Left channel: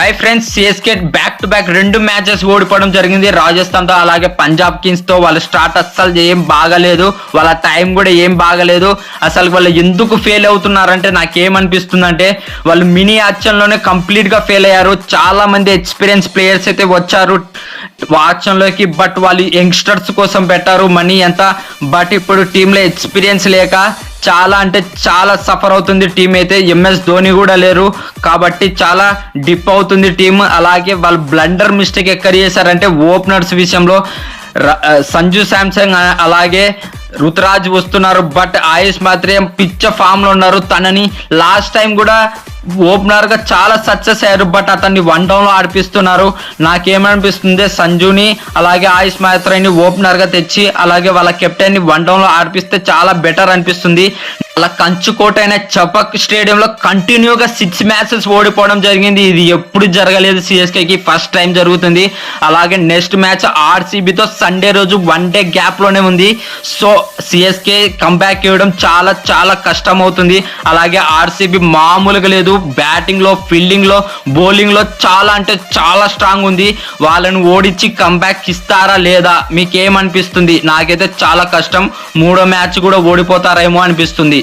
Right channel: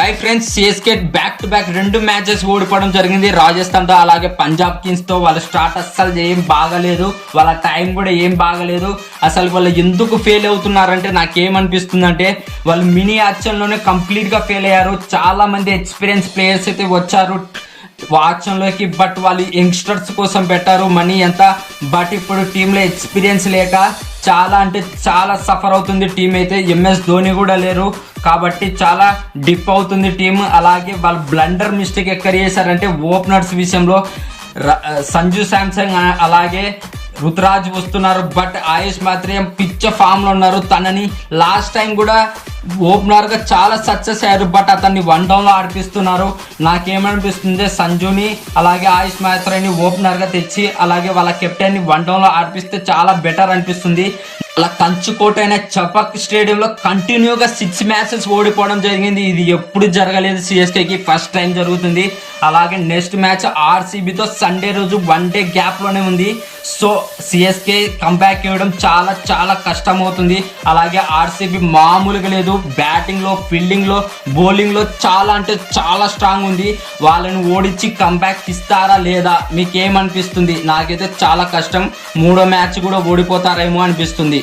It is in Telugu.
Hi friends, CSK back to back 2 matches ఓడిపోవడం జరిగింది రాజస్థాన్తో. అలాగే పంజాబ్ కింగ్స్తో వాళ్ళ స్టార్ట్ అస్సలు ఏం బాగలేదు, వాళ్ళ టైం కూడా ఏం బాగలేదు. అసలు వాళ్ళు ఎందుకు ఫెయిల్ అవుతున్నారంటే నాకేమనిపిస్తుందంటే వాళ్ళు మినీ యాక్షన్లోనే కంప్లీట్గా ఫెయిల్ అయ్యారు. చాలా మంది ఎక్స్పీరియన్స్ ప్లేయర్స్ అయితే వచ్చారు ఆక్షన్లోకి, బట్ వాళ్ళు యంగ్స్టర్స్ కోసం పెట్టారు మనీ ఎంత. బట్ ఇప్పుడు టీంలో ఎక్స్పీరియన్స్ లేక చాలా అంటే చాలా సఫర్ అవుతుంది టీం అయితే. ఎంఎస్ ధోని కూడా లేరు కాబట్టి చాలా డిప్ అవుతుంది టీం. అలాగే వాళ్ళు బ్లండర్ మిస్టేక్ ఎక్కడ చేశారంటే ఓపెనర్స్ విషయంలో సంజు శాంసంగ్ అలాగే రుతురాజ్ వస్తున్నారు, బట్ ఆయుష్ మాత్రం పిచ్చ ఫామ్ లో ఉన్నారు. తనని లాస్ట్ టైం కూడా ఓపెనర్ గా చాలా సక్సెస్ అయ్యారు, బట్ అతన్ని 1 డౌన్ లో ఆడిపిస్తున్నారు. నాకేమనిపిస్తుంది సంజుని అలాగే ఆయుష్ మాత్రాన్ని ఓపెనర్ గా తెచ్చి అలాగే వాళ్ళ కెప్టెన్ ని 1 డౌన్ లో ఆడిపిస్తే చాలా బెటర్ అనిపిస్తుంది. అలా కంచుకోటైన చపక్ స్టేడియంలో కంటిన్యూగా 6 మ్యాచెస్ ఓడిపోవడం జరిగింది. ఇది ఎప్పుడు జరగలేదు, సిఎస్కేకి ఫస్ట్ టైం జరుగుతుంది. అలాగే నెక్స్ట్ మ్యాచ్ ఆర్సీబీతో సండే రోజు 1 డే గ్యాప్ లోనే ఉంది. సో సిఎస్కే కంబ్యాక్ ఇవ్వడం చాలా చాలా కష్టం అవుతుంది. అలాగే ఆర్సీబీ మామూలుగా లేదు, బ్యాటింగ్ లో ఫీల్డింగ్ లో బౌలింగ్ లో చాలా అంటే చాలా స్ట్రాంగ్ ఉంది. వాళ్ళని ఓడించి కంబ్యాక్ ఇస్తారా లేదా మీకేమనిపిస్తుంది? నాకైతే చాలా కష్టం, 3వ మ్యాచ్ కూడా ఓడిపోతారేమో అనిపిస్తుంది.